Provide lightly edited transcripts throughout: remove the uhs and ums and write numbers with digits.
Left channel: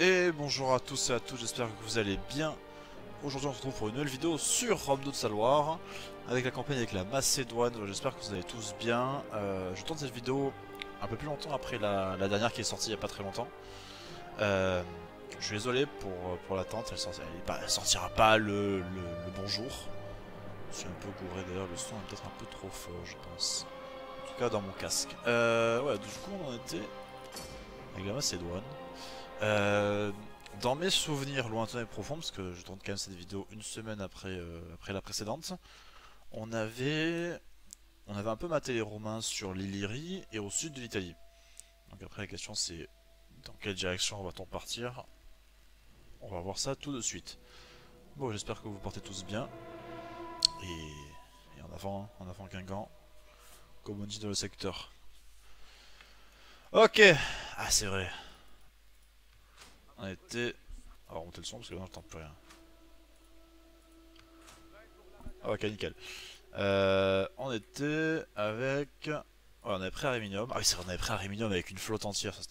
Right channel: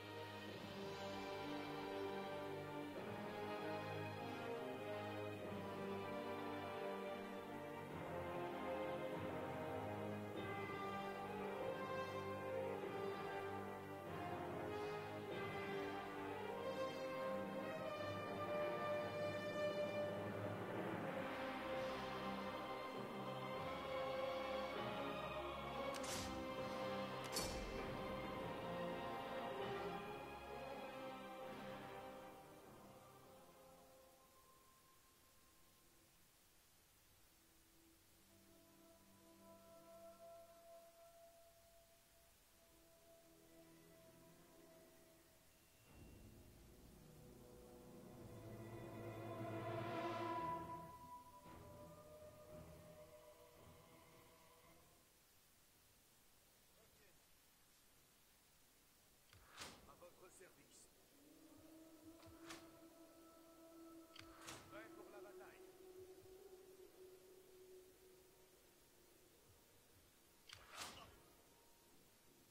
Et bonjour à tous et à toutes, j'espère que vous allez bien. Aujourd'hui on se retrouve pour une nouvelle vidéo sur Rome de Saloir avec la campagne avec la Macédoine. J'espère que vous allez tous bien. Je tourne cette vidéo un peu plus longtemps après la dernière qui est sortie il n'y a pas très longtemps. Euh, je suis désolé pour l'attente, elle sortira pas le bon jour. Je suis un peu gouré d'ailleurs, le son est peut-être un peu trop fort je pense. En tout cas dans mon casque. Ouais, du coup on en était avec la Macédoine. Euh, Dans mes souvenirs lointains et profonds, parce que je tourne quand même cette vidéo une semaine après la précédente, on avait, on avait un peu maté les Romains sur l'Illyrie et au sud de l'Italie. Donc après la question c'est dans quelle direction va-t-on partir? On va voir ça tout de suite. Bon, j'espère que vous portez tous bien. Et en avant Guingamp, comme on dit dans le secteur. Ok, ah c'est vrai, on était... On va remonter le son parce que là j'entends plus rien. Ah ok, nickel. On était avec... Ouais, on avait pris Aréminium. Ah oui, c'est vrai, on avait pris Aréminium avec une flotte entière. Ça,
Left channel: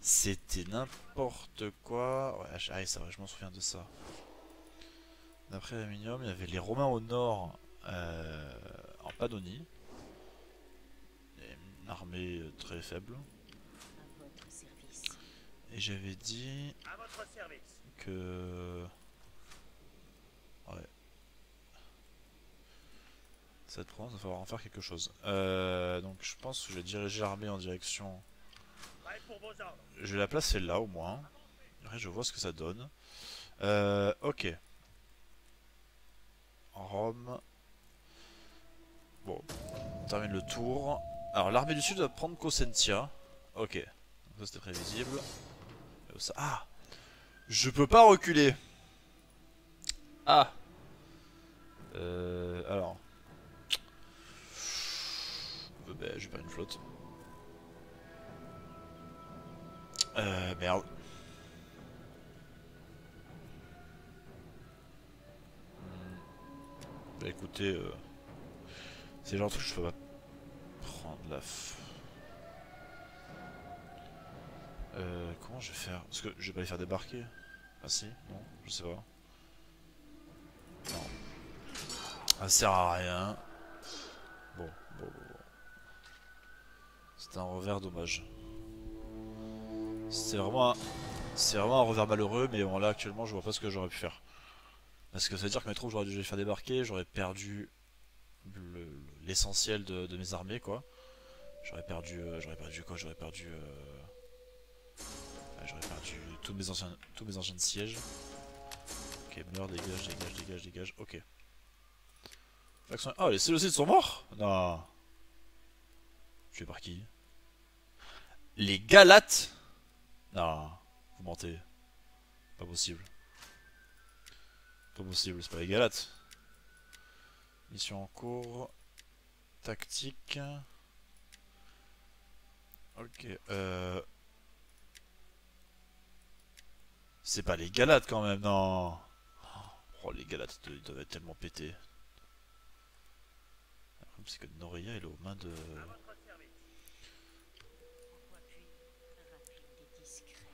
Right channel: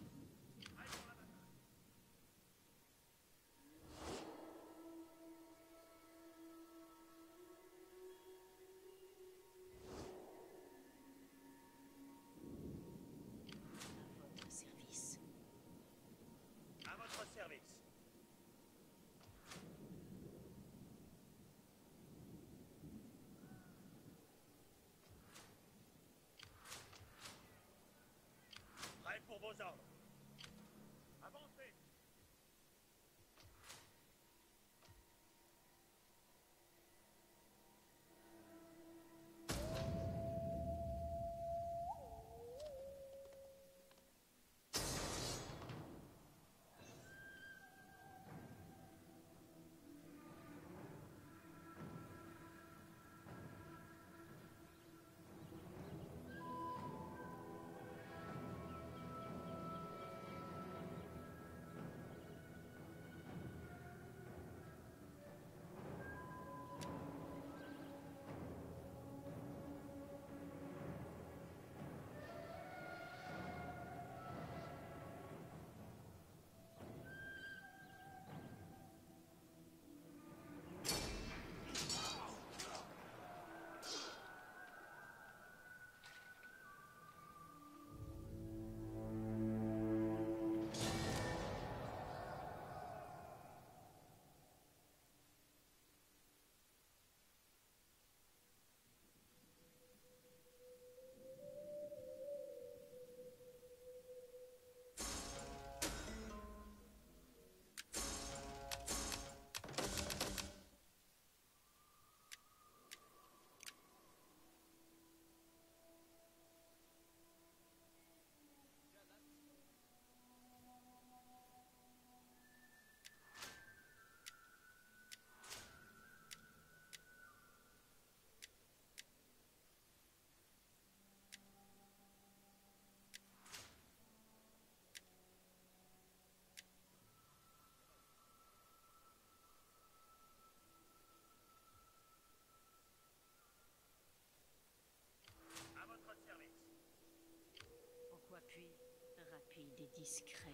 c'était n'importe quoi. Ouais, ah, c'est vrai, je m'en souviens de ça. On a pris Aréminium. Il y avait les Romains au nord, en Pannonie. Et une armée très faible. À votre service. Et j'avais dit que... Ouais, cette province, il va falloir en faire quelque chose. Donc je pense que je vais diriger l'armée en direction... Je vais la placer là au moins. Après je vois ce que ça donne. Ok. Rome. Bon, on termine le tour. Alors l'armée du sud va prendre Cosentia. Ok. Ça c'était prévisible. Ah, je peux pas reculer. Ah. Alors. Ben, j'ai pas une flotte. Merde. Bah écoutez, c'est le genre de truc que je peux pas prendre la... Comment je vais faire? Parce que je vais pas les faire débarquer. Ah si? Non? Je sais pas. Non. Ça sert à rien. Bon. C'est un revers dommage. C'est vraiment, c'est vraiment un revers malheureux, mais bon là actuellement je vois pas ce que j'aurais pu faire. Parce que ça veut dire que mes troupes j'aurais dû les faire débarquer, j'aurais perdu l'essentiel de mes armées quoi. J'aurais perdu quoi? J'aurais perdu tous mes anciens sièges. Ok, meurs, dégage. Ok. Ah, les Séleucides sont morts? Non. Tués par qui? Les Galates? Non, vous mentez. Pas possible. Pas possible, c'est pas les Galates. Mission en cours. Tactique. Ok, c'est pas les Galates quand même, non. Oh, les Galates, ils doivent être tellement pétés. Le problème, c'est que Noria, il est aux mains de... Pourquoi puis rapide et discret.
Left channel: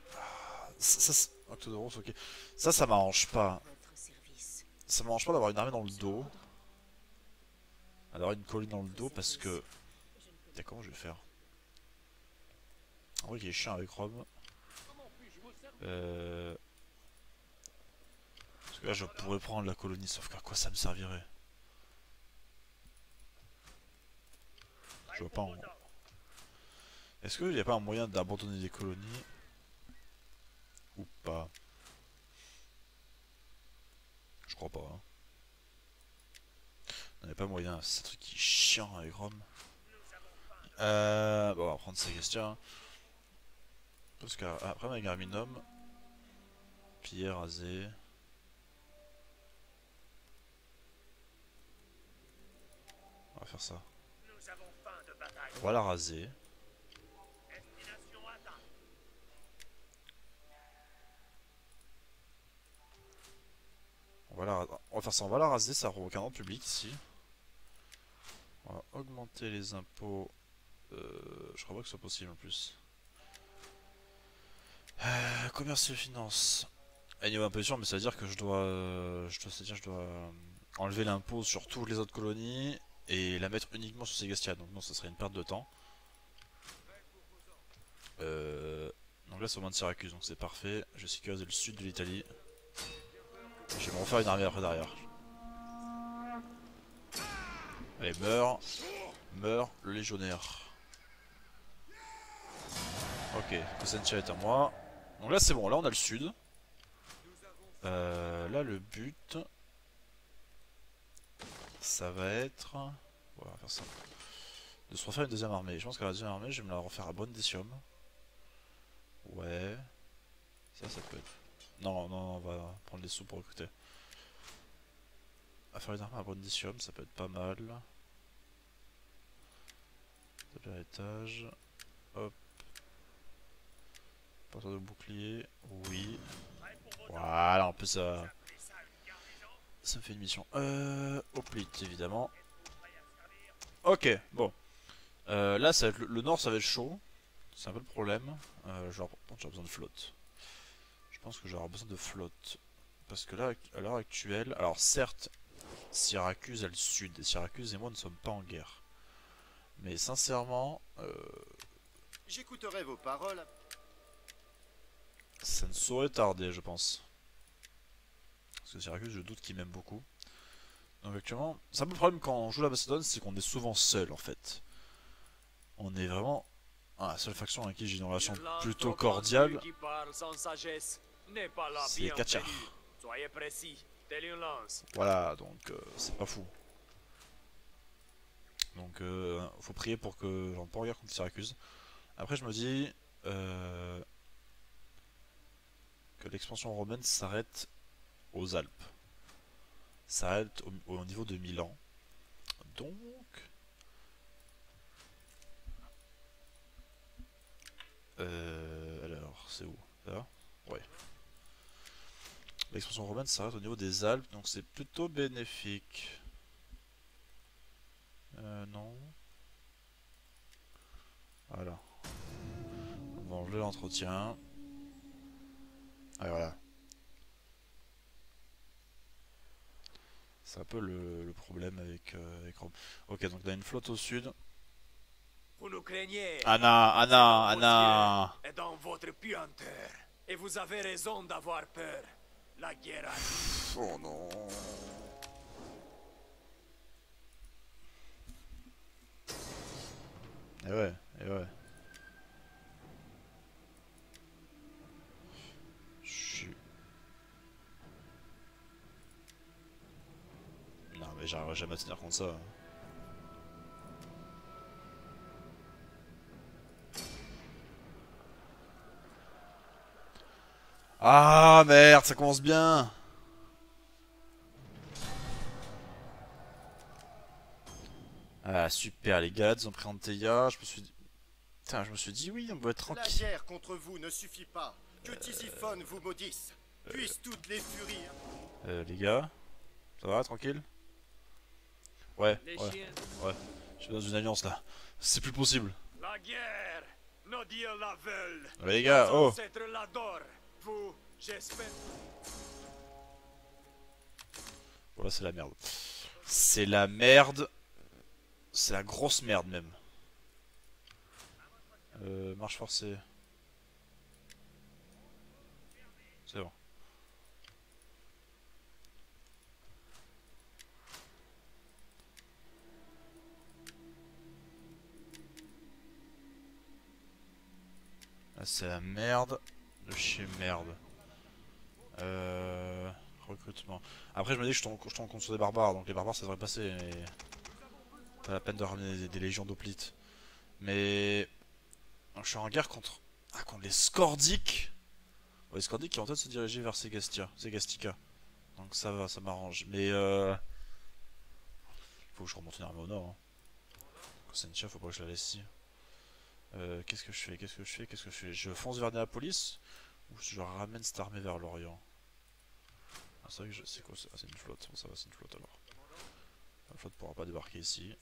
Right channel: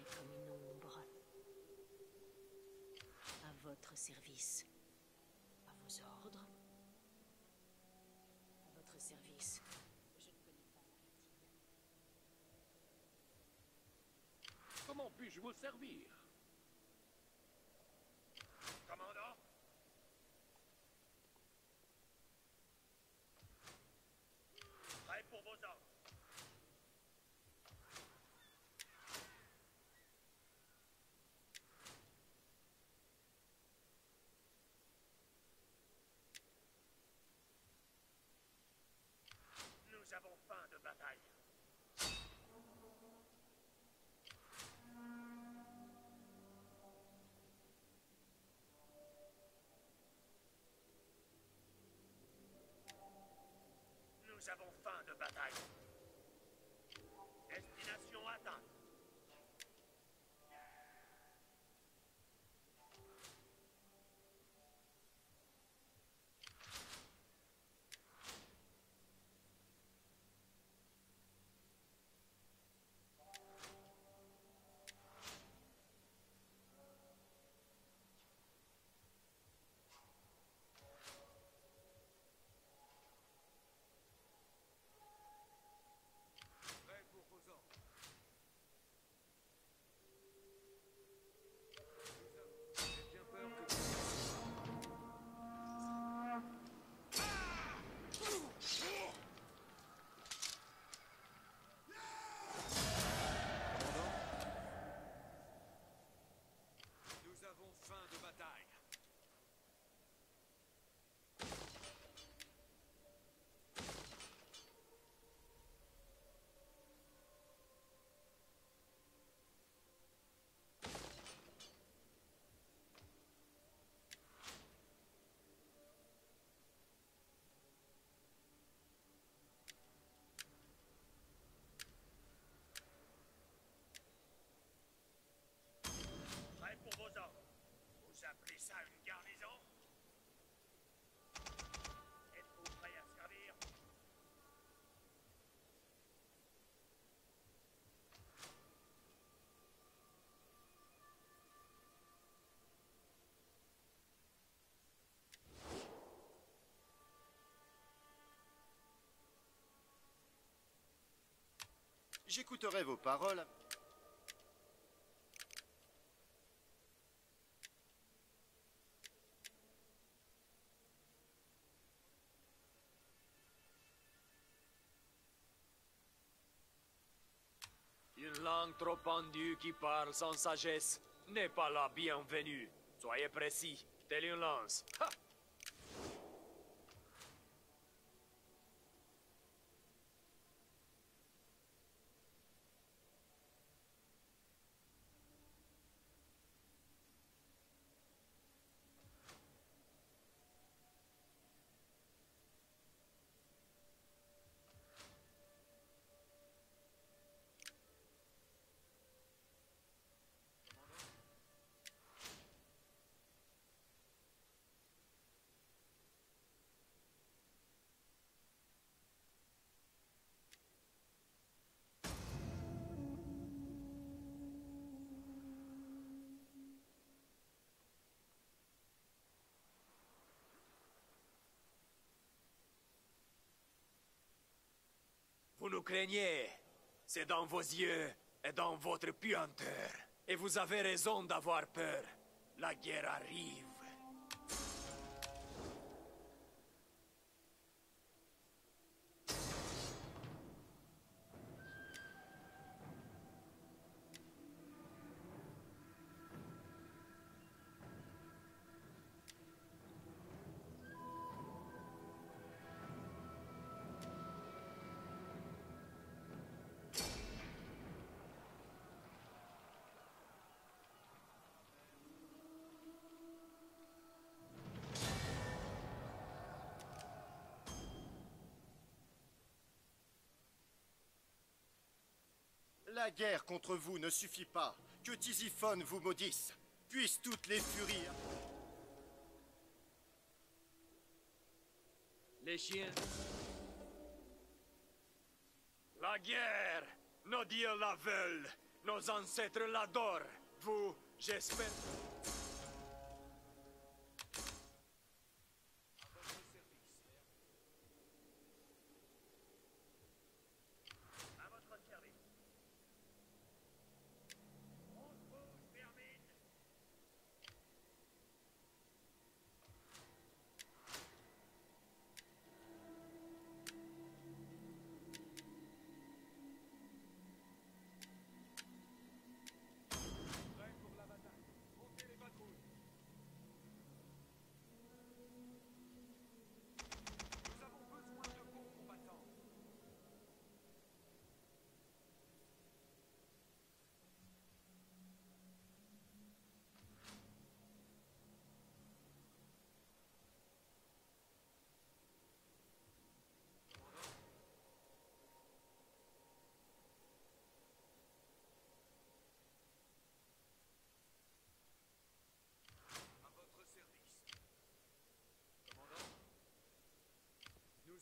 Octodoros, ok. Ça m'arrange À pas. votre service. Ça m'arrange pas d'avoir une armée dans le dos. Ordre. D'avoir une À colline dans le votre dos parce service. que... Comment je vais faire? En vrai, il est chiant avec Rome. Euh... Parce que là, je pourrais prendre la colonie, sauf qu'à quoi ça me servirait? Je vois pas en... Est-ce qu'il n'y a pas un moyen d'abandonner des colonies? Ou pas? Je crois pas. Hein. On n'a pas moyen, c'est un truc qui est chiant avec Rome. Bon, on va prendre Célestia. Parce qu'après, avec Arminum, pierre rasée. On va faire ça. On va la raser. On va faire ça, on va la raser, ça provoque un ordre public ici. On va augmenter les impôts. Je crois pas que ce soit possible en plus. commerce et finance. Et niveau imposition, mais ça veut dire que je dois enlever l'impôt sur toutes les autres colonies et la mettre uniquement sur Ségastia. Donc non, ça serait une perte de temps. Donc là c'est au moins de Syracuse, donc c'est parfait. Je sécurise le sud de l'Italie. Je vais me refaire une armée après derrière. Allez, meurs, le légionnaire. Ok, Cosentia est à moi. Donc là c'est bon, là on a le sud. Là le but, ça va être... Ouais, on va faire ça. De se refaire une deuxième armée. Je pense qu'à la deuxième armée, je vais me la refaire à Brundisium. Ouais. Ça peut être... Non, non, on va prendre les sous pour recruter. À faire une armée à Brundisium, ça peut être pas mal. Taper à l'étage. Hop. Porteur de bouclier. Oui. Voilà, en plus ça... Ça me fait une mission. Hoplite, évidemment. Ok, bon. Là, ça va être le nord, ça va être chaud. C'est un peu le problème. Genre, j'ai besoin de flotte. Je pense que j'aurai besoin de flotte. Parce que là, à l'heure actuelle... Alors, certes, Syracuse a le sud. Et Syracuse et moi ne sommes pas en guerre. Mais sincèrement... J'écouterai vos paroles. ça ne saurait tarder, je pense. Parce que Syracuse, je doute qu'il m'aime beaucoup. Donc actuellement, c'est un peu le problème quand on joue la Macédoine, c'est qu'on est souvent seul en fait. On est vraiment la seule faction avec qui j'ai une relation plutôt cordiale. qui parle sans sagesse n'est pas la C'est Katia. bienvenue. Soyez précis, telle une lance. Voilà, donc c'est pas fou. Donc faut prier pour que j'en pas en guerre contre Syracuse. Après je me dis que l'expansion romaine s'arrête aux Alpes. S'arrête au niveau de Milan. Donc... alors, c'est où? Là? Ouais. L'expansion romaine s'arrête au niveau des Alpes, donc c'est plutôt bénéfique. Non. Voilà. On va enlever l'entretien. Ah voilà. C'est un peu le problème avec Rome. Ok, donc on a une flotte au sud. Vous nous craignez. Anna, C'est dans vos Anna. yeux et dans votre puanteur. Et vous avez raison d'avoir peur. La guerre arrive. Oh non. Et ouais, et ouais. Non mais j'arriverai jamais à tenir contre ça. Ah merde, ça commence bien. Ah super, les gars, ils ont pris Anteia, je me suis dit... Putain, je me suis dit oui, on doit être La tranquille. guerre contre vous ne suffit pas. Que Tisiphone vous maudisse. Puissent toutes les furies. Les gars, ça va, tranquille? Ouais, Les ouais, chiens. ouais. Je suis dans une alliance là. C'est plus possible. La guerre. Nos dieux la veulent. Les gars, Nos oh. ancêtres l'adorent. Vous, j'espère. Voilà, c'est la merde. C'est la merde. C'est la grosse merde même. Marche forcée. C'est bon. Là, c'est la merde de chez merde. Recrutement. Après, je me dis que je tombe contre sur des barbares, donc les barbares ça devrait passer. Mais... pas la peine de ramener des légions d'Hoplite. Mais. Je suis en guerre contre. Ah, contre les Scordiques. Ouais, les Scordiques qui vont peut-être se diriger vers Segastica. Donc ça va, ça m'arrange. Mais faut que je remonte une armée au nord. Hein. Cosentia, faut pas que je la laisse ici. Qu'est-ce que je fais? Qu'est-ce que je fais? Qu'est-ce que je fais? Je fonce vers Néapolis ou je ramène cette armée vers l'Orient? Ah, c'est vrai que c'est quoi ça? Ah, c'est une flotte. Bon, ça va, c'est une flotte alors. La flotte pourra pas débarquer ici.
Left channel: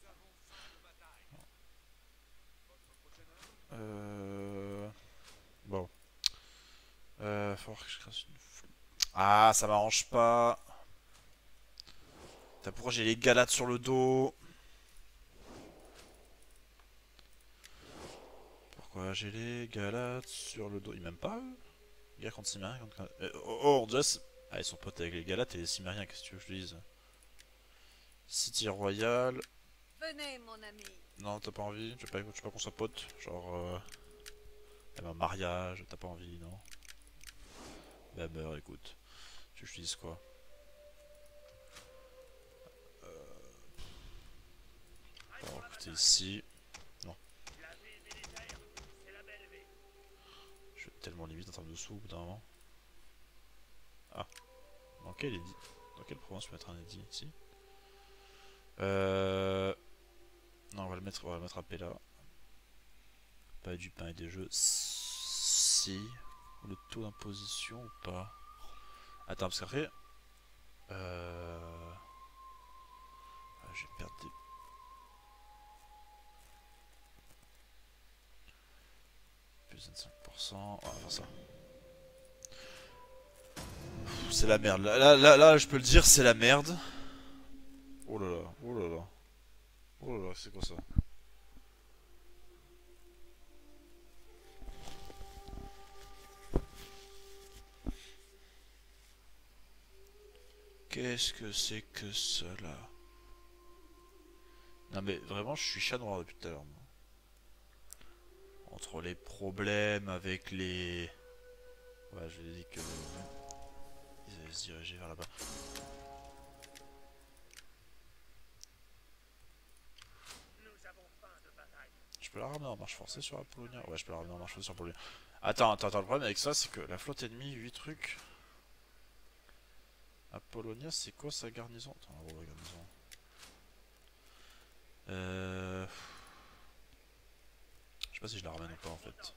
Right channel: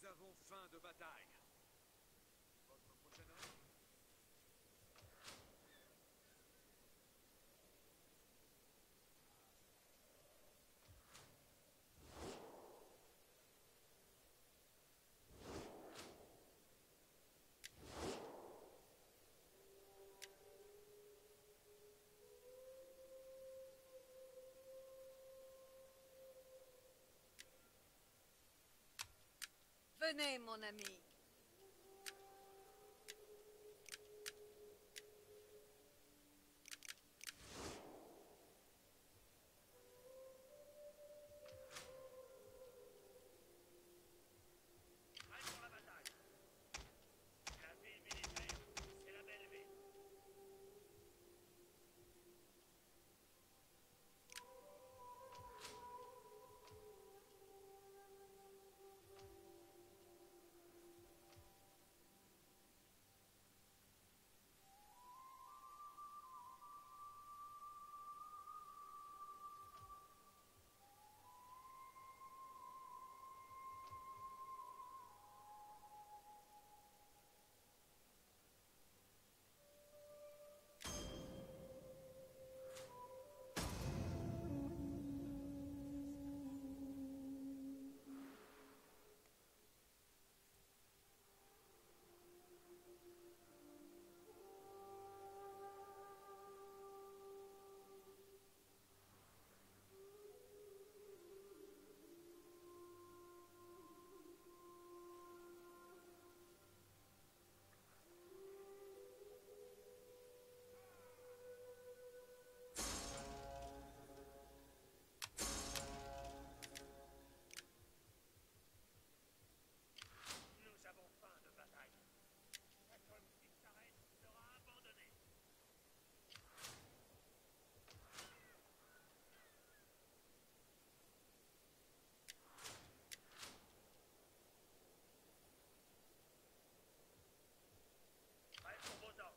Bon. Faut que je crée une flou. Ah, ça m'arrange pas. Putain, pourquoi j'ai les galates sur le dos? Pourquoi j'ai les galates sur le dos? Ils m'aiment pas eux? Guerre contre Cimérien contre... on dirait... Ah, ils sont potes avec les galates et les Cimériens, qu'est-ce que tu veux que je te dise? City Royal. Venez, mon ami. Non, t'as pas envie? Tu veux pas qu'on soit potes? Genre... un mariage, t'as pas envie, non? Bah meurs, écoute. Tu veux que je te dise quoi? Alors, écoutez, ici... Non. Je vais être tellement limite en termes de sous au bout d'un moment. Ah. Dans quelle édit? Dans quelle province je peux mettre un édit ici? Non, on va le mettre à Pella. Pas du pain et des jeux. Si. Le taux d'imposition ou pas? Attends, parce qu'après... je vais perdre des... Plus de 25%. On va faire ça. C'est la merde. Là, je peux le dire, c'est la merde. Oh là là, oh là là. Oh là là, c'est quoi ça? Qu'est-ce que c'est que cela? Non mais vraiment, je suis chat noir depuis tout à l'heure. Entre les problèmes avec les... Ouais, je l'ai dit que... Ils allaient se diriger vers là-bas. Je peux la ramener en marche forcée sur Apollonia? Ouais, je peux la ramener en marche forcée sur Apollonia. Attends, le problème avec ça, c'est que la flotte ennemie, 8 trucs. Apollonia, c'est quoi sa garnison? Attends, on va voir la garnison. Je sais pas si je la ramène encore en fait.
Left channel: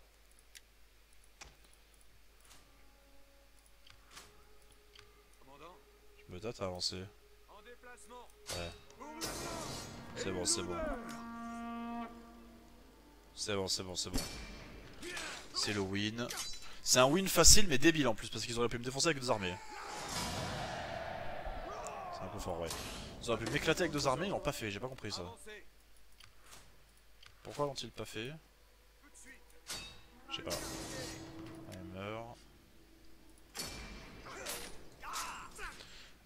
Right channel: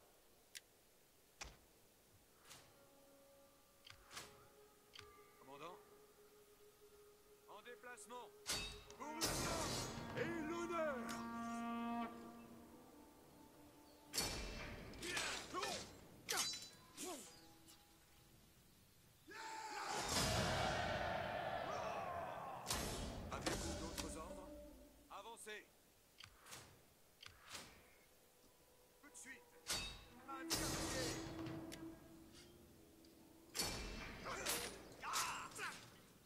Commandant, Je me date à avancer. en déplacement. Ouais. C'est bon, c'est bon. C'est bon, c'est bon, c'est bon. C'est le win. C'est un win facile mais débile en plus parce qu'ils auraient pu me défoncer avec 2 armées. C'est un peu fort, ouais. Ils auraient pu m'éclater avec 2 armées, ils l'ont pas fait, j'ai pas compris ça. Pourquoi l'ont-ils pas fait? Je sais pas. On meurt.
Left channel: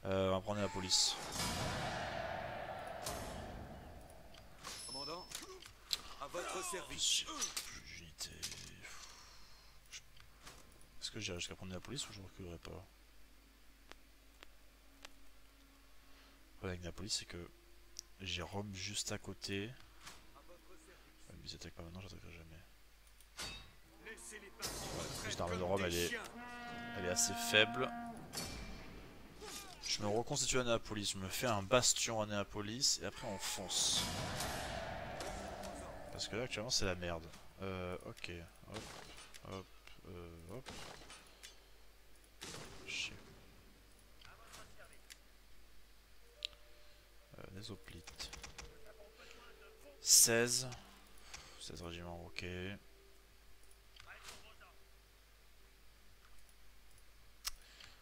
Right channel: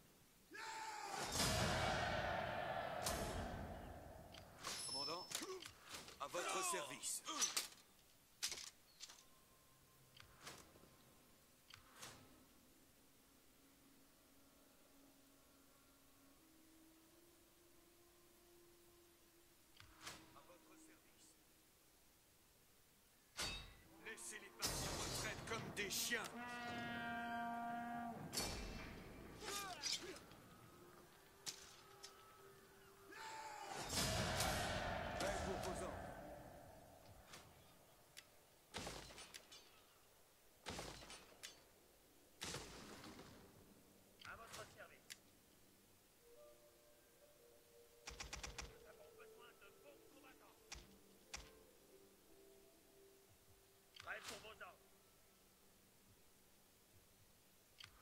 On va prendre la police. Commandant, à votre service. Unité. Est-ce que j'irai jusqu'à prendre la police ou je ne reculerai pas? Le problème avec la police, c'est que j'ai Rome juste à côté. Ouais, mais ils attaquent pas maintenant, j'attaquerai jamais. Laissez-les pas en retraite L'armée de comme Rome, des chiens. elle est assez faible. Je me reconstitue à Néapolis, je me fais un bastion à Néapolis et après on fonce. Parce que là actuellement c'est la merde. Ok. Hop. Hop. Hop. Chier. Les hoplites. 16. 16 régiments, ok.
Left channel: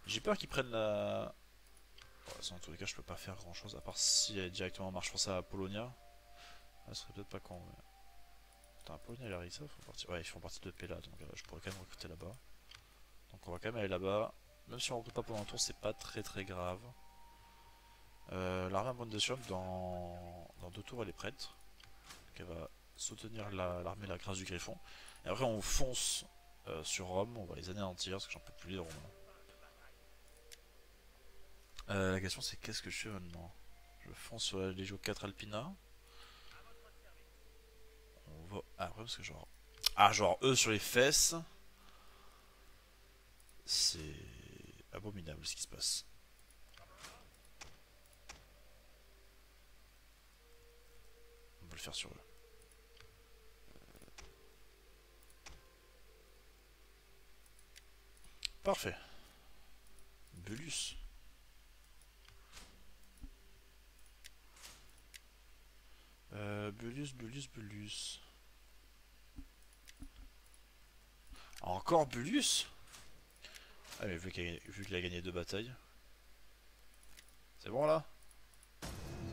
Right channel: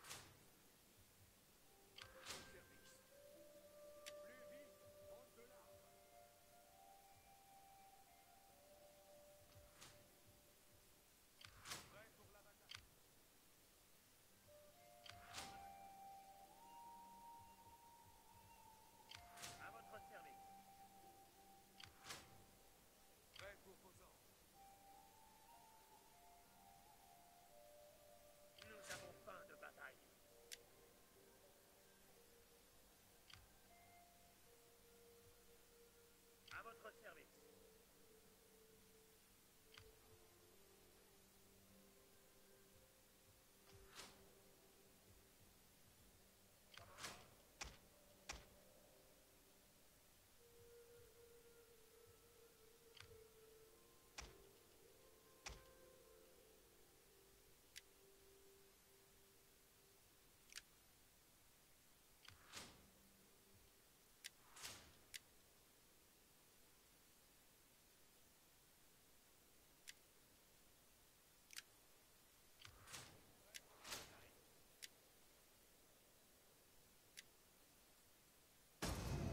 J'ai peur qu'ils prennent la... Bon, en tous les cas je peux pas faire grand chose à part si elle est directement en marche forcée à Polonia. Ça serait peut-être pas con mais... Putain, Polonia et Larissa font partie... Ouais, ils font partie de Pella donc je pourrais quand même recruter là-bas. Donc on va quand même aller là-bas. Même si on recrute pas pendant un tour c'est pas très grave. L'armée à Brundisium dans 2 tours elle est prête. Donc elle va soutenir l'armée de la grâce du Griffon. Et après on fonce sur Rome, on va les anéantir parce que j'en peux plus les Romains. La question c'est qu'est-ce que je fais maintenant? Je fonce sur la Légio 4 Alpina. On va... Ah après parce que genre... Ah genre eux sur les fesses. C'est abominable ce qui se passe. On va le faire sur eux. Parfait. Bulus. Bulus. Encore Bulus? Ah mais vu qu'il a gagné 2 batailles. C'est bon là?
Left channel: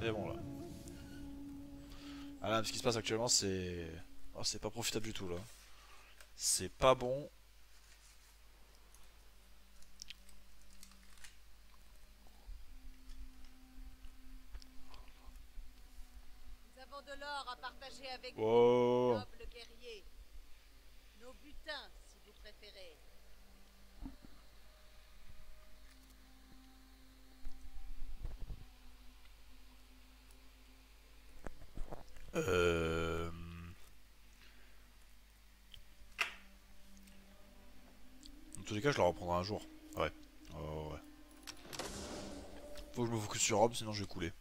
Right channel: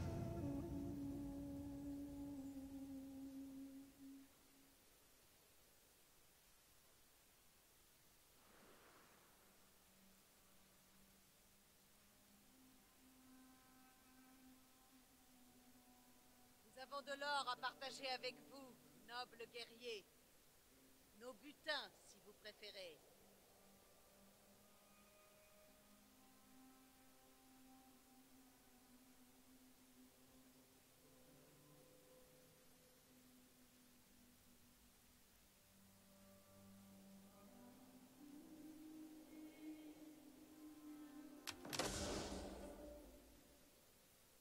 C'est bon là. Ah là, ce qui se passe actuellement c'est... Oh, c'est pas profitable du tout là. C'est pas bon. Nous avons de l'or à partager avec Wow. vous, nobles guerriers. Nos butins, si vous préférez. Euh... Dans tous les cas, je la reprendrai un jour. Ouais. Oh, ouais. Faut que je me focus sur Rome, sinon je vais couler.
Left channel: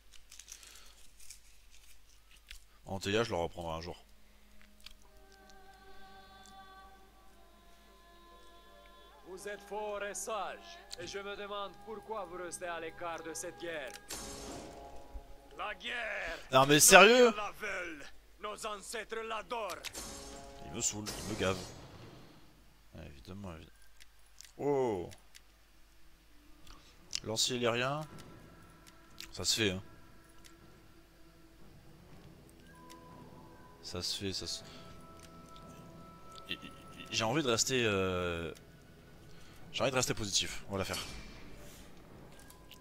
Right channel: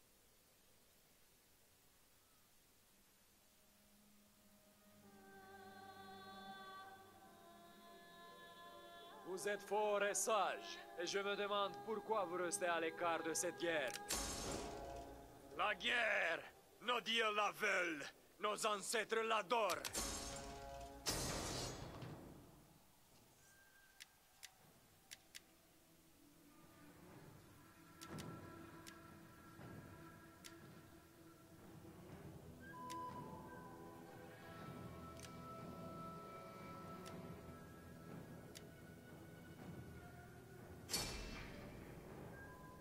Antea, je la reprendrai un jour. Vous êtes fort et sage, et je me demande pourquoi vous restez à l'écart de cette guerre. La guerre! Non mais Nos sérieux? dieux la veulent, nos ancêtres l'adorent. Il me saoule, il me gave. Ouais, évidemment, évidemment. Oh! Lancier lyrien. Ça se fait, hein. Ça se fait, ça se... J'ai envie de rester... J'ai envie de rester positif, on va la faire.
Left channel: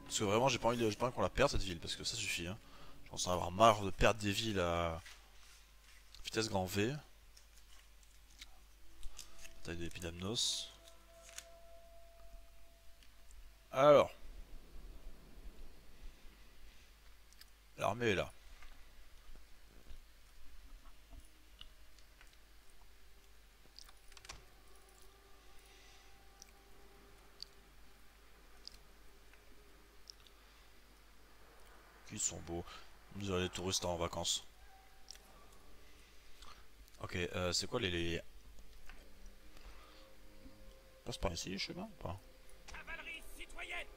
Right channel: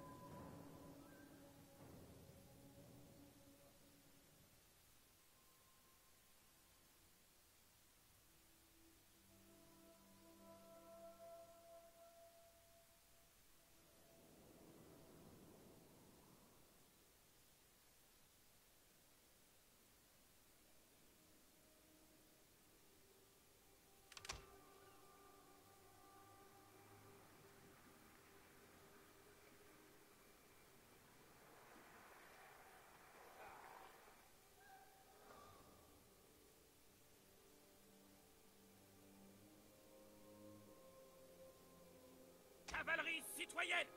Parce que vraiment, j'ai pas envie qu'on la perde cette ville, parce que ça suffit, hein. Je pense en avoir marre de perdre des villes à vitesse grand V. Taille de l'Épidamnos. Alors. L'armée est là. Ils sont beaux. On dirait les touristes en vacances. Ok, c'est quoi les... Passe par ici, je sais pas ou pas? Cavalerie citoyenne!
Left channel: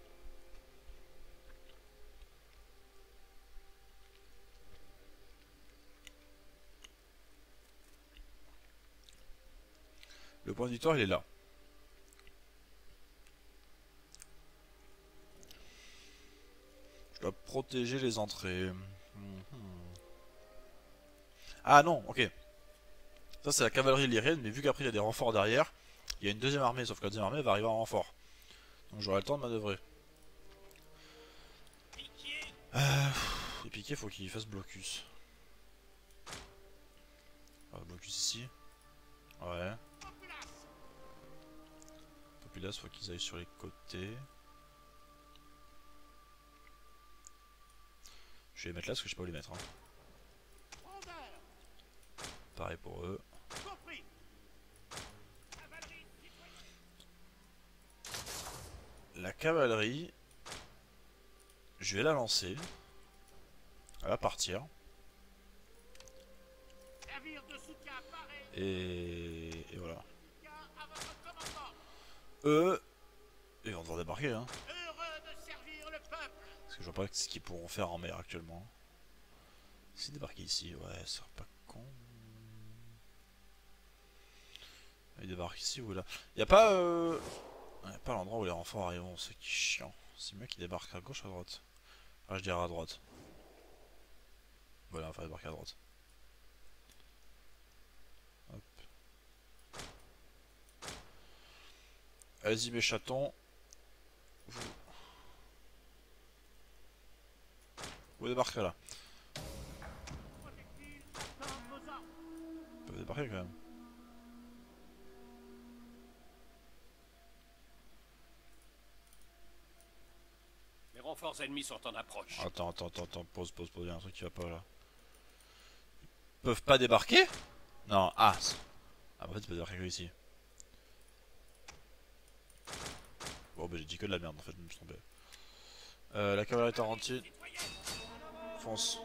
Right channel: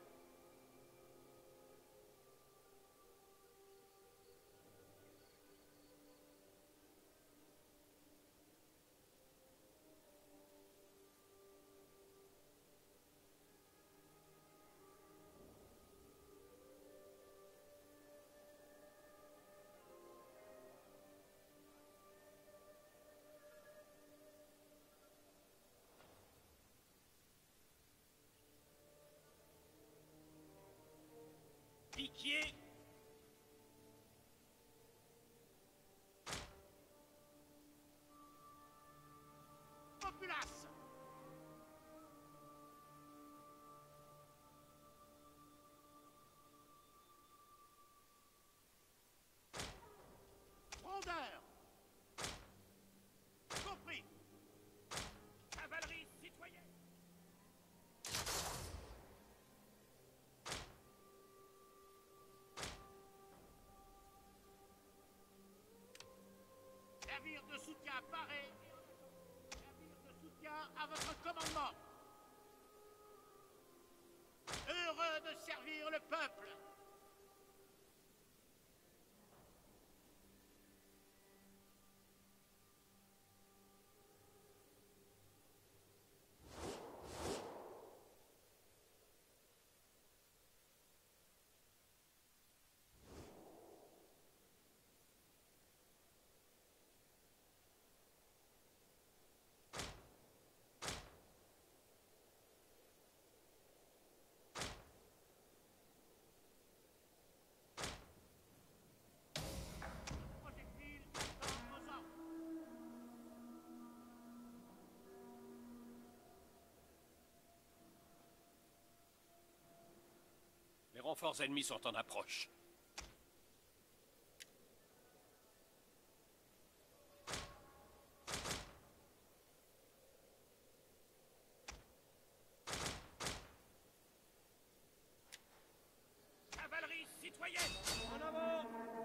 Le point de victoire, il est là. Je dois protéger les entrées. Ah non, ok. Ça c'est la cavalerie lyrienne, mais vu qu'après il y a des renforts derrière, il y a une deuxième armée, sauf que la deuxième armée va arriver en renfort. Donc j'aurai le temps de manœuvrer. Piquier! Et piqué, faut qu'il fasse blocus. Blocus ici. Ouais. Populace, faut qu'ils aillent sur les côtés. Je vais les mettre là parce que je sais pas où les mettre. Hein. Pareil pour eux. La cavalerie, je vais la lancer. Elle va partir. Et voilà. Eux, ils vont devoir débarquer. Hein. Heureux de servir le peuple. Parce que je vois pas ce qu'ils pourront faire en mer actuellement. S'ils débarquent ici, ouais, ça serait pas con. Ils débarquent ici ou là. Y a pas l'endroit où les renforts arrivent, c'est qui chiant. C'est mieux qu'ils débarquent à gauche ou à droite. Ah, je dirais à droite. Voilà, on va faire débarquer à droite. Hop. Allez-y mes chatons. Vous débarquez là. Vous pouvez débarquer quand même. Les renforts ennemis sont en approche. Attends, pause, il y a un truc qui va pas là. Ils peuvent pas débarquer? Non, ah. Ah, en fait, ils peuvent débarquer que ici. Bon, bah j'ai dit que de la merde en fait, je me suis trompé. La cavalerie tarentine. Fonce.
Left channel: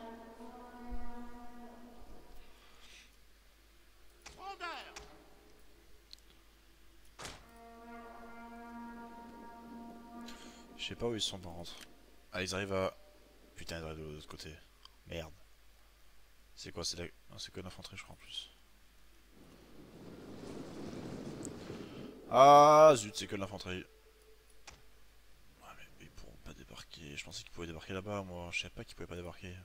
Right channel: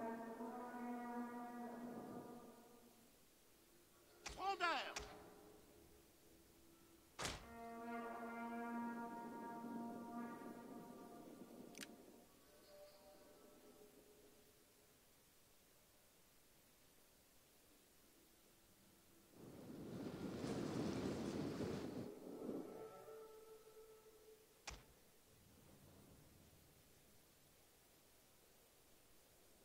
Je sais pas où ils sont par contre. Ah, ils arrivent à... Putain, ils arrivent de l'autre côté. Merde. C'est quoi? C'est la... Non, c'est que l'infanterie je crois en plus. Ah zut, c'est que l'infanterie. pensais qu'il pouvait débarquer là-bas, moi. Je savais pas qu'il pouvait pas débarquer.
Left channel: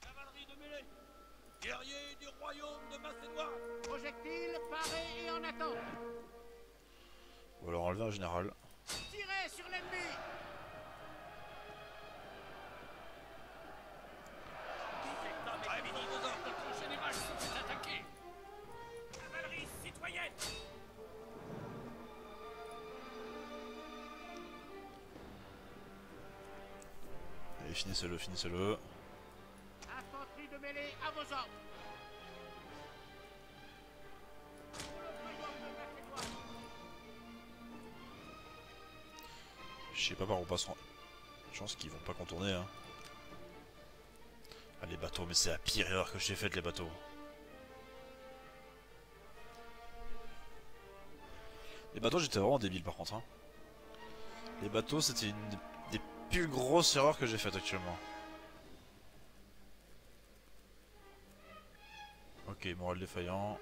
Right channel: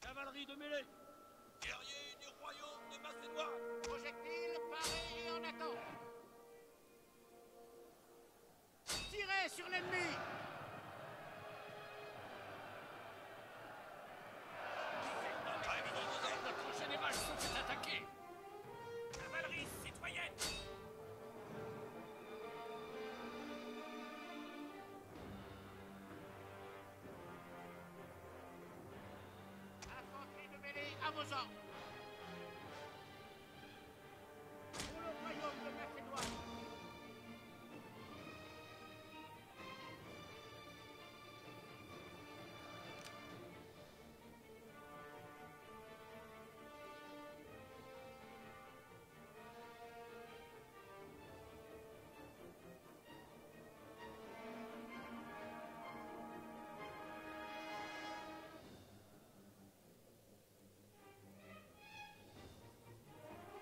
Cavalerie de mêlée, guerriers du royaume de Macédoine. Projectiles parés et en attente. Ou alors enlever un général. Tirez sur l'ennemi. Prêt pour vos ordres. Notre général se fait attaquer. Cavalerie citoyenne. Allez, finissez-le, finissez-le. Infanterie de mêlée à vos ordres. Pour le royaume de Macédoine. Je sais pas par où passeront. Je pense qu'ils vont pas contourner, hein. Ah, les bateaux, mais c'est la pire erreur que j'ai faite, les bateaux. Les bateaux, j'étais vraiment débile par contre, hein. Les bateaux, c'était une des plus grosses erreurs que j'ai faites actuellement. Ok, moral défaillant.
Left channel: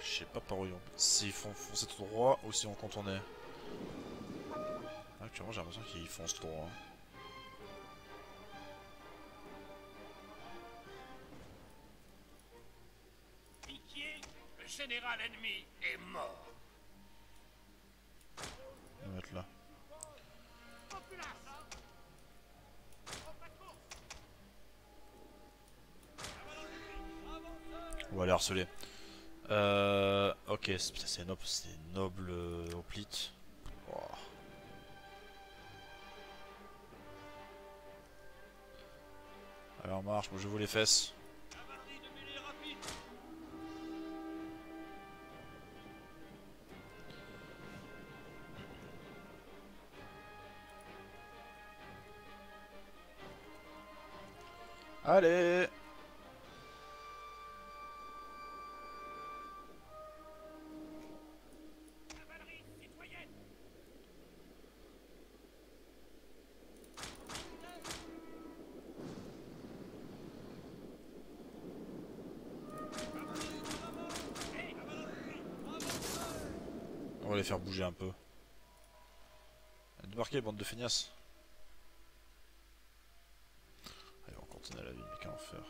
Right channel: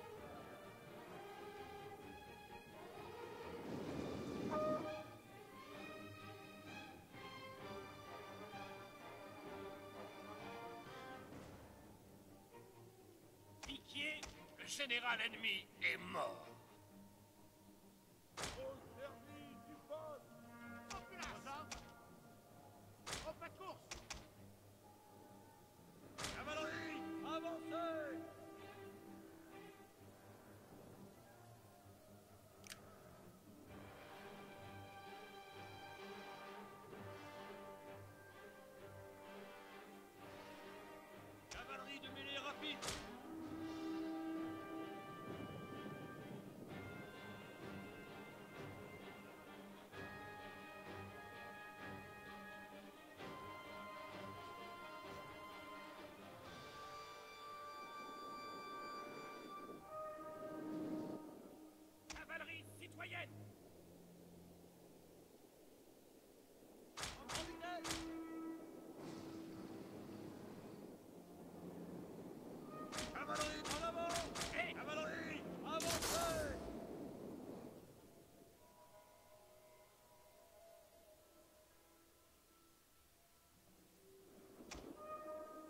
Je sais pas par où ils vont. S'ils font foncer tout droit ou s'ils vont contourner. Actuellement, j'ai l'impression qu'ils foncent tout droit. Piquier, le général ennemi est mort. On va mettre là. Populace. Au pas de course. Cavalerie, avancez. On va les harceler. Ok, c'est noble, c'est noble hoplite. Oh. Allez, en marche, moi je vous les fesses. Cavalerie de mêlée rapide. Allez! Cavalerie citoyenne. Cavalerie en avant. Hey, cavalerie, avancez. On va les faire bouger un peu. Débarquez, bande de feignasses. Allez, on continue à la ville, mais qu'à en faire.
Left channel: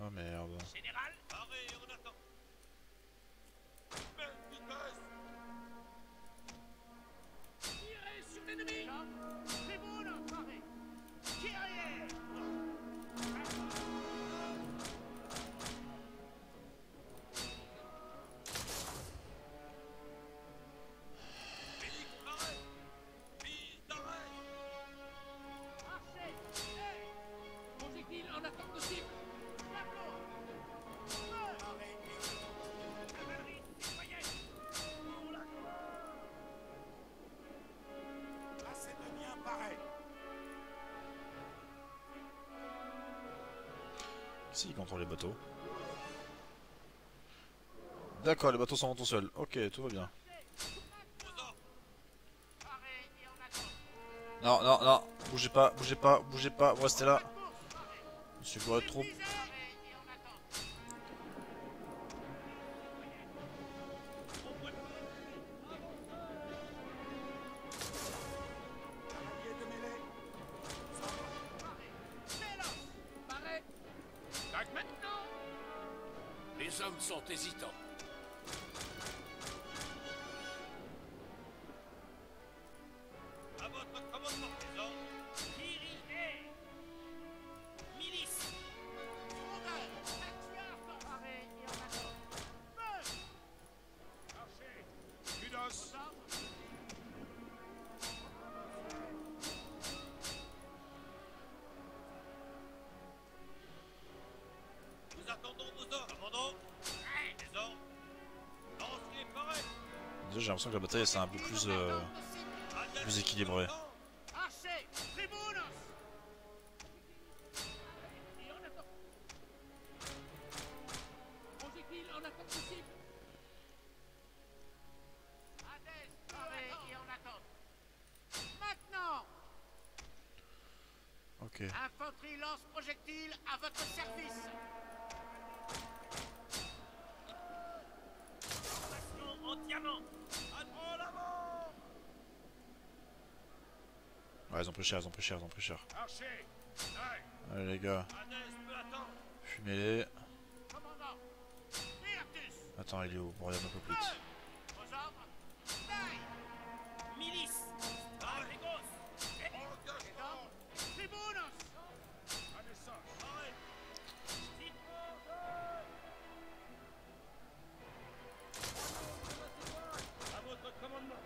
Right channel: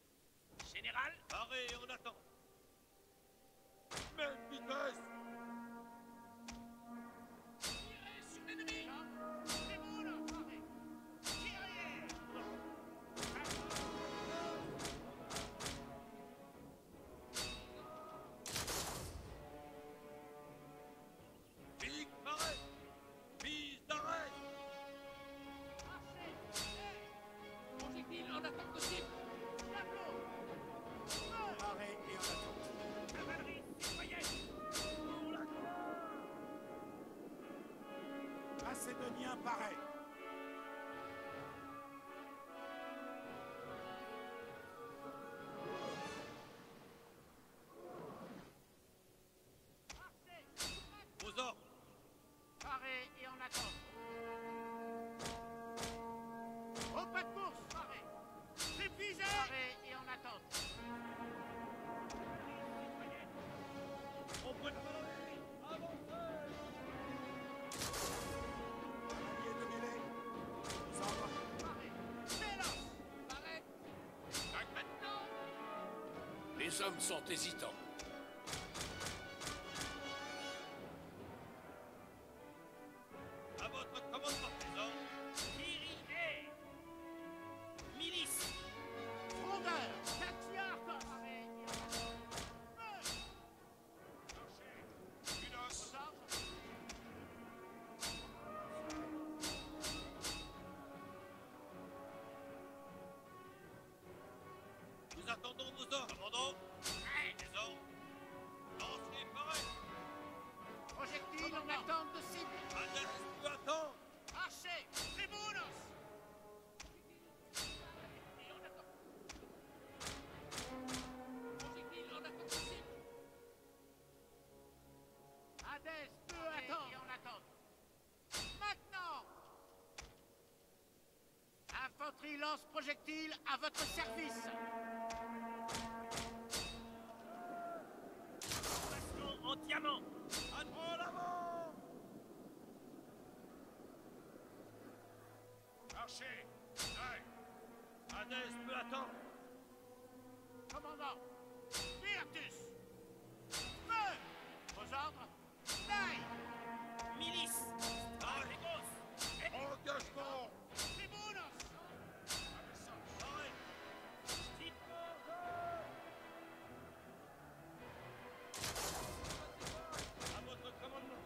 Oh merde. Général, paré et en attente. Même vitesse. Tirez sur l'ennemi. Tribune parée. Guerrier. Pique paré. Piste d'arrêt. Archer. Hey. Projectile en attente de cible. Tableau. Feu. Paré et en attente. Cavalerie citoyenne. Pour la gloire. Macédonien paré. Si, il contrôle les bateaux. D'accord, les bateaux s'en vont tout seuls. Ok, tout va bien. Vos ordres. Paré et en attente. Non, non, non, bougez pas, bougez pas, bougez pas, vous restez là. Au pas de course. Paré. Monsieur Goret de troupes. Paré et en attente. Au point de cavalerie. Avancez. Cavalier de mêlée. Paré. Véloce. Paré. Tac maintenant. Les hommes sont hésitants. À votre commandement, les ordres. Kiri et milice. Frondeur. Tactiar. Paré et en attente. Feu. Archer. Kudos. Aux ordres. Nous attendons vos ordres. Commandant. Les ordres. Lancez pareil. Déjà, j'ai l'impression que la bataille c'est un peu plus, Attente de cible. plus équilibré. Archer. Tribunos. Et en attente. Projectile en attente de cible. Hadès. Peu attente. Et en attente. Maintenant. Ok. Infanterie lance-projectile à votre service. en diamant. En avant. Ouais, ils ont pris cher, ils ont pris cher, ils ont pris cher. Archer. Aïe. Allez les gars, Hadès peut attendre. fumez-les. Commandant. Virtus. Attends, il est où? Bon, il y a un peu plus. Vos ordres. Taille. Milice. Argos. Engagement. Tribunos. Un message. Arrête. À votre commandement.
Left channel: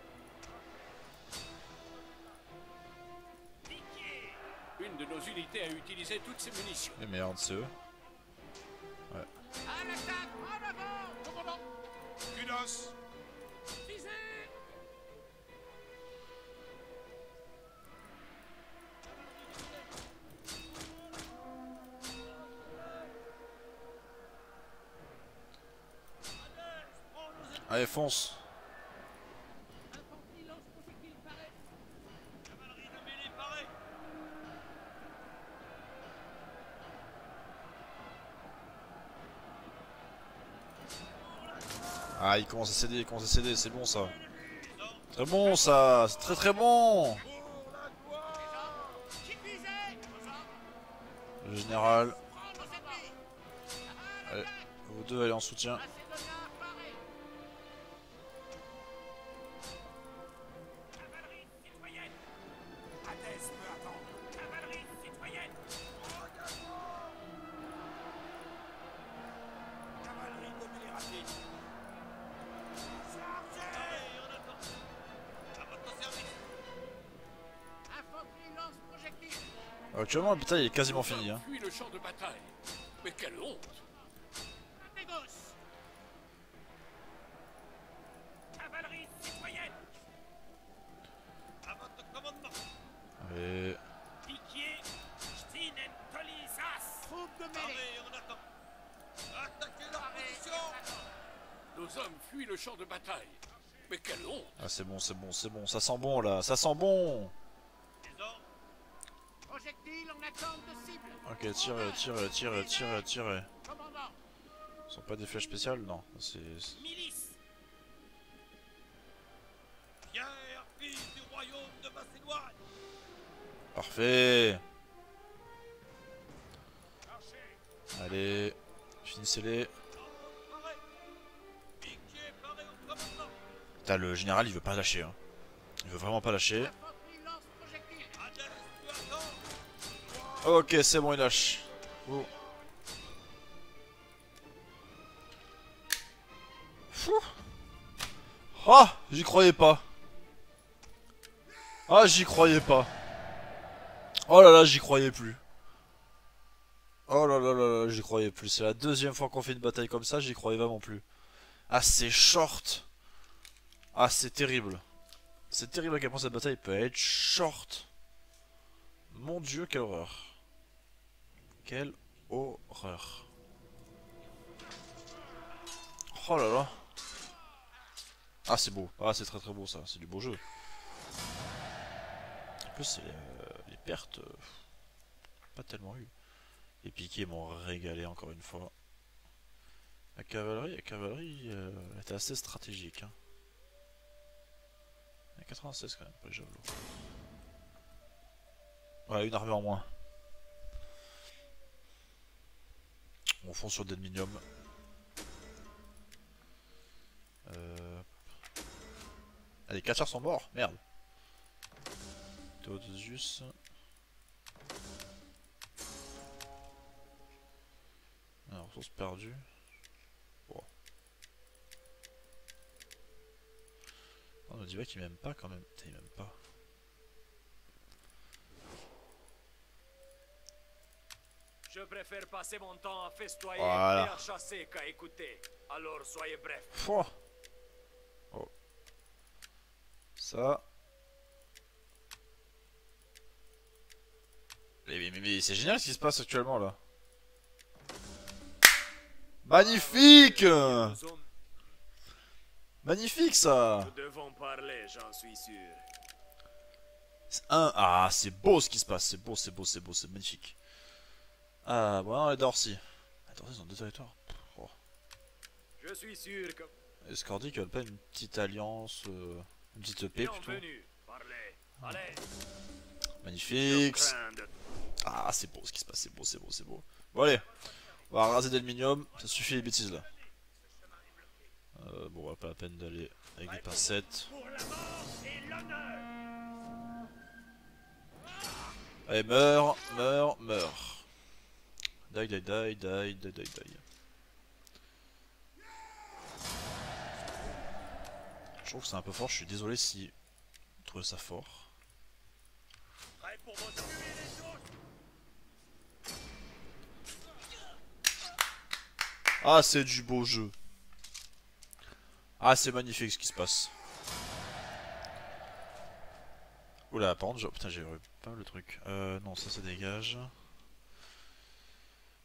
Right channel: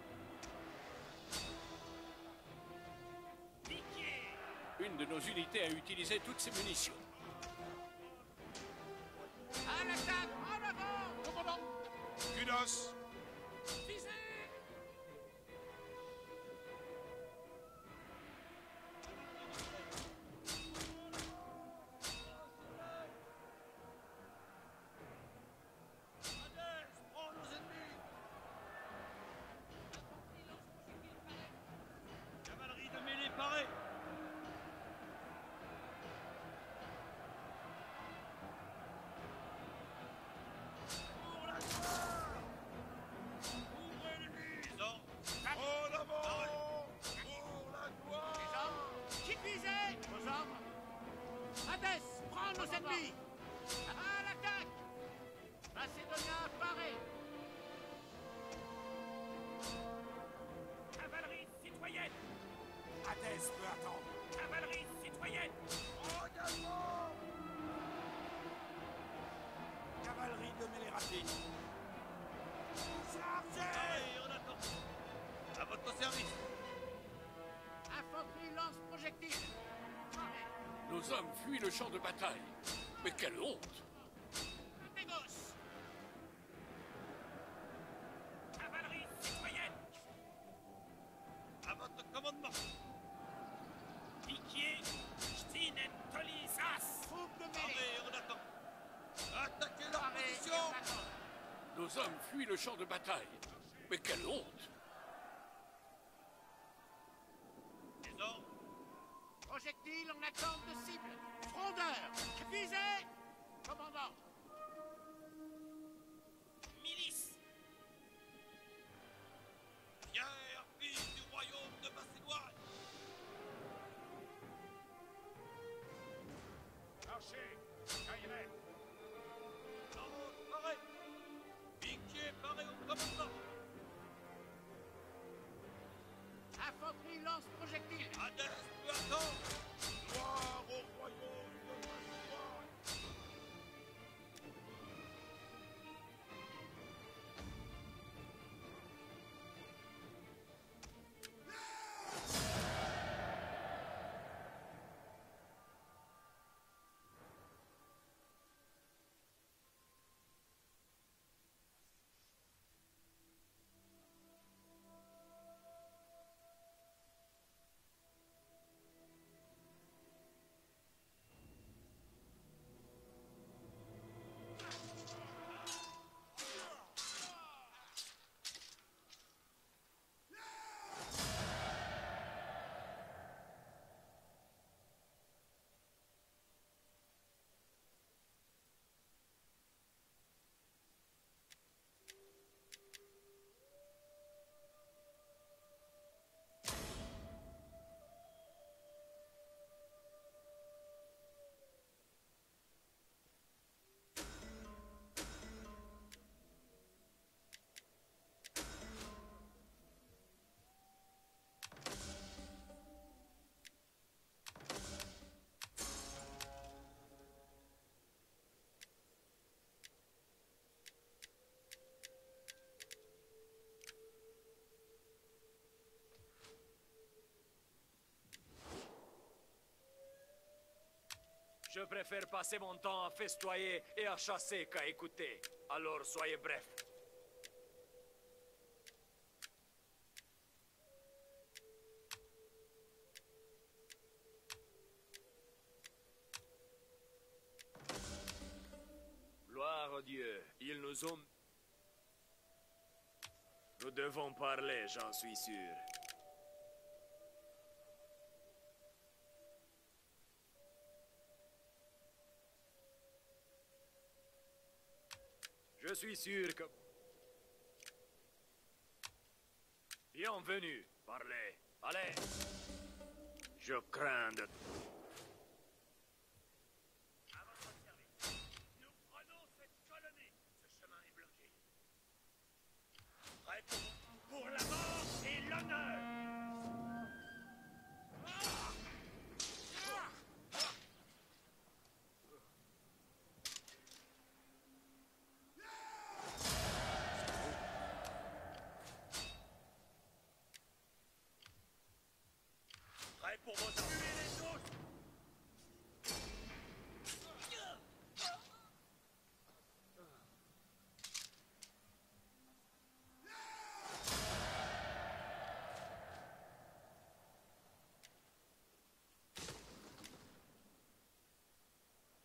Piqué. Une de nos unités a utilisé toutes ses munitions. Mais merde, c'est eux. À l'attaque. En avant. Commandant. Kudos. Visez. Allez, fonce. Infanterie lance-projectile parée. Cavalerie de mêlée parée. Ah, il commence à céder, il commence à céder, c'est bon ça. Les ordres. Très bon ça, c'est très très bon. Pour la gloire. Qui visez. Vos ordres. Le général, Prendre nos ennemis. À allez, l'attaque. vous deux allez en soutien. Macédonia parée. Cavalerie citoyenne. Hadès peut attendre. Cavalerie citoyenne. Engagement. Cavalerie de mêlée rapide. Chargez. Allez, on attend. À votre service. Infanterie lance-projectile. Actuellement, le bataille est quasiment Nos fini. hommes Hein. fuient le champ de bataille. Mais quelle honte! Négoce. Cavalerie citoyenne. À votre commandement. Allez, Piquier. Stinen Tolisas. Troupe de mêlée. Allez, on attend. Attaquez leur Parée. position. Et on attend. Nos hommes fuient le champ de bataille. Mais quelle honte! ah, c'est bon, c'est bon, c'est bon, ça sent bon là, ça sent bon. Les ordres. Projectile en attente de cible. Ok, tirez, tirez, tirez, tirez, tirez. Commandant. Ce sont pas des flèches spéciales, non. C'est... Milice. Pierre, fils du royaume de Macédoine. Parfait. Archer. Allez, finissez-les. Ordre paré. Piquier paré au commandement. Putain, le général il veut pas lâcher. Hein. Il veut vraiment pas lâcher. Infanterie lance-projectile. Hadès peut attendre. Ok, c'est bon, il lâche. Oh. Fou. Ah, j'y croyais pas. Ah, j'y croyais pas. Oh là là, j'y croyais plus. Oh là là là là, j'y croyais plus. C'est la deuxième fois qu'on fait une bataille comme ça, j'y croyais vraiment plus. Ah, c'est short. Ah, c'est terrible. C'est terrible à quel point cette bataille peut être short. Mon dieu, quelle horreur. Quelle horreur. Oh là là. Ah, c'est beau. Ah, c'est très très beau ça. C'est du beau jeu. En plus, c'est les pertes. Pas tellement eu. Les piquets m'ont régalé encore une fois. La cavalerie était assez stratégique. Hein. Il y a 96 quand même, pas les javelots. Ouais, une armée en moins. On fond sur d'Edminium. Ah, les 4 chars sont morts, merde. Theodosius. Alors, ressources perdues. Bon. On me dit pas qu'il m'aime pas quand même. Putain, il m'aime pas. Je préfère passer mon temps à festoyer Voilà. et à chasser qu'à écouter. Alors soyez bref. Pouah. Oh. Ça. Mais c'est génial ce qui se passe actuellement là. Magnifique. Nous hommes, Magnifique ça. nous devons parler, j'en suis sûr. Ah, c'est beau ce qui se passe. C'est beau, c'est beau, c'est beau, c'est magnifique. Ah, bon, les Dorcy. Les Dorcy ont deux territoires. Oh. Je suis sûr que... Et Scordic veulent pas une petite alliance, une petite paix plutôt. Bienvenue, parlez. Allez, Magnifique. Ah, c'est beau ce qui se passe, c'est beau, c'est beau, c'est beau. Bon allez, on va raser d'aluminium, ça suffit les bêtises là. Bon, pas la peine d'aller avec des pincettes. Pour la mort et l'honneur. Allez, meurs, meurs, meurs. Die, die, die, die, die, die, die. Je trouve que c'est un peu fort, je suis désolé si vous trouvez ça fort. Prêt pour vos armes. Tuez-les tous. Ah, c'est du beau jeu. Ah, c'est magnifique ce qui se passe. Oula, par contre, putain, j'ai eu pas le truc. Non, ça dégage.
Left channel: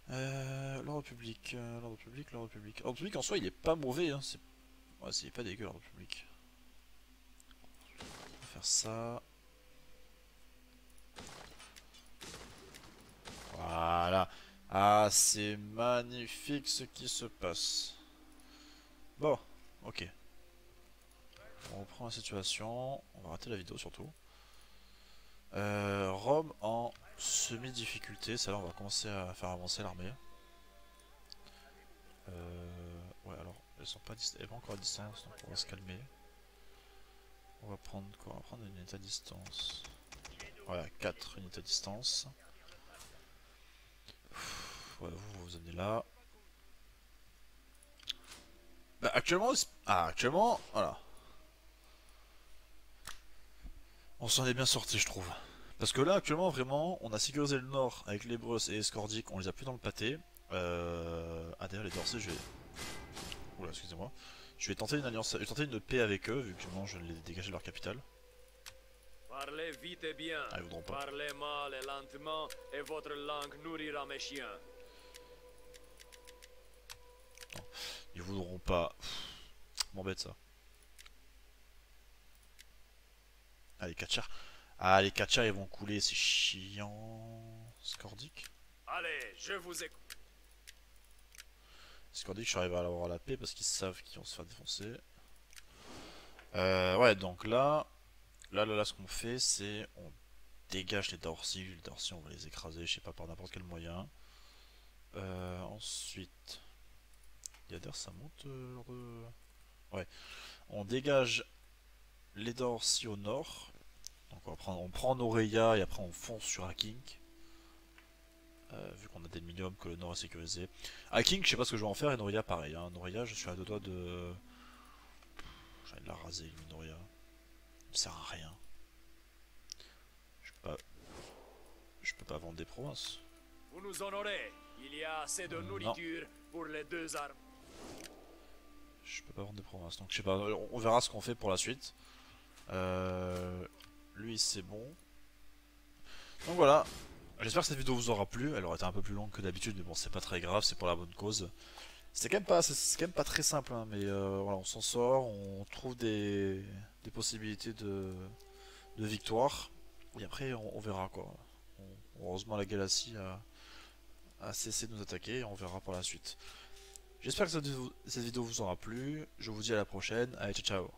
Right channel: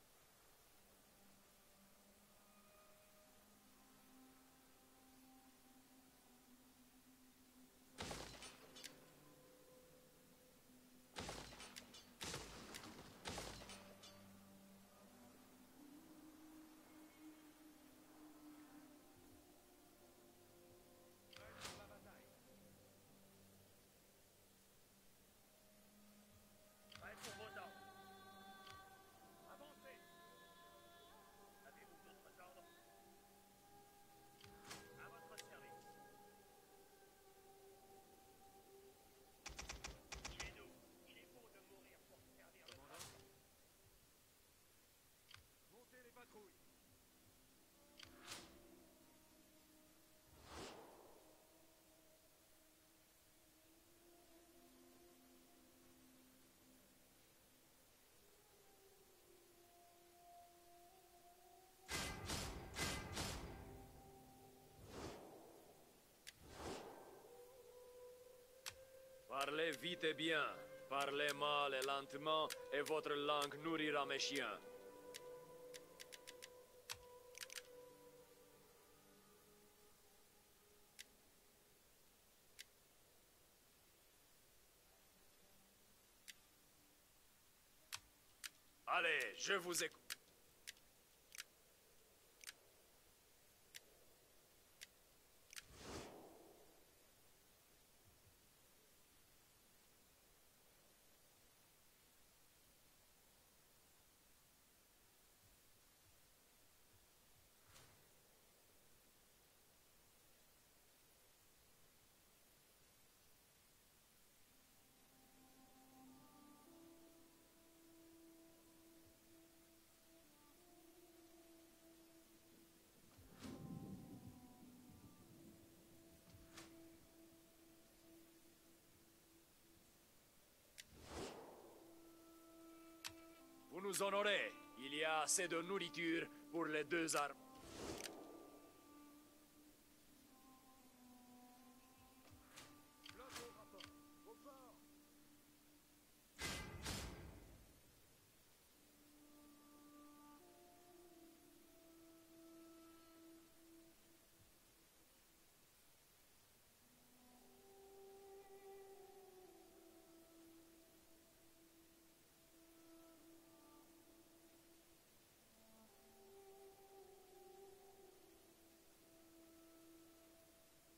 L'ordre public, l'ordre public, l'ordre public. L'ordre public en soi, il est pas mauvais, hein. Ouais, c'est pas dégueu l'ordre public. On va faire ça. Voilà. Ah, c'est magnifique ce qui se passe. Bon, ok. On reprend la situation. On va rater la vidéo surtout. Rome en semi-difficulté. Ça là, on va commencer à faire avancer l'armée. Ouais, alors, elles sont pas encore à distance, donc on va se calmer. On va prendre quoi? On va prendre une unité à distance. Voilà, 4 unités à distance. Ouais, vous amenez là. Bah, actuellement, voilà. On s'en est bien sorti, je trouve. Parce que là, actuellement, vraiment, on a sécurisé le nord avec les Brosses et les Scordiques, on les a plus dans le pâté. Ah, d'ailleurs, les Dorsey, je vais. Oula, excusez-moi. Je vais tenter une alliance, je vais tenter une paix avec eux, vu que non, je les ai dégagés de leur capitale. parlez vite et bien. Ah, ils voudront pas. Parlez mal et lentement, et votre langue nourrira mes chiens. Ils voudront pas. M'embête ça. Ah, les Kachars. Ah, les Kachars, ils vont couler, c'est chiant. Scordique. Allez, je vous écoute. Scordique, je suis arrivé à avoir la paix parce qu'ils savent qu'ils vont se faire défoncer. Ouais, donc là, ce qu'on fait, c'est on dégage les Dorsey. Les Dorsey, on va les écraser, je sais pas, par n'importe quel moyen. Ensuite, d'ailleurs, ça monte leur de... Ouais, on dégage les Dorsey au nord. Donc on prend Noreia et après on fonce sur Hacking. Vu qu'on a des minimums que le nord est sécurisé. Hacking, je sais pas ce que je vais en faire, et Noreia pareil. Hein. Noreia, je suis à deux doigts de... J'ai envie de la raser, Noreia. Ça ne sert à rien. Je peux pas vendre des provinces. Vous nous honorez. Il y a assez de nourriture pour les deux armes. Je peux pas vendre des provinces, donc je sais pas, on verra ce qu'on fait pour la suite. Lui c'est bon. Donc voilà, j'espère que cette vidéo vous aura plu, elle aurait été un peu plus longue que d'habitude, mais bon c'est pas très grave, c'est pour la bonne cause. C'est quand même pas très simple, hein, mais voilà, on s'en sort, on trouve des possibilités de victoire, et après on verra quoi. Heureusement la Galaxie a cessé de nous attaquer, et on verra par la suite. J'espère que cette vidéo vous aura plu, je vous dis à la prochaine, allez ciao ciao.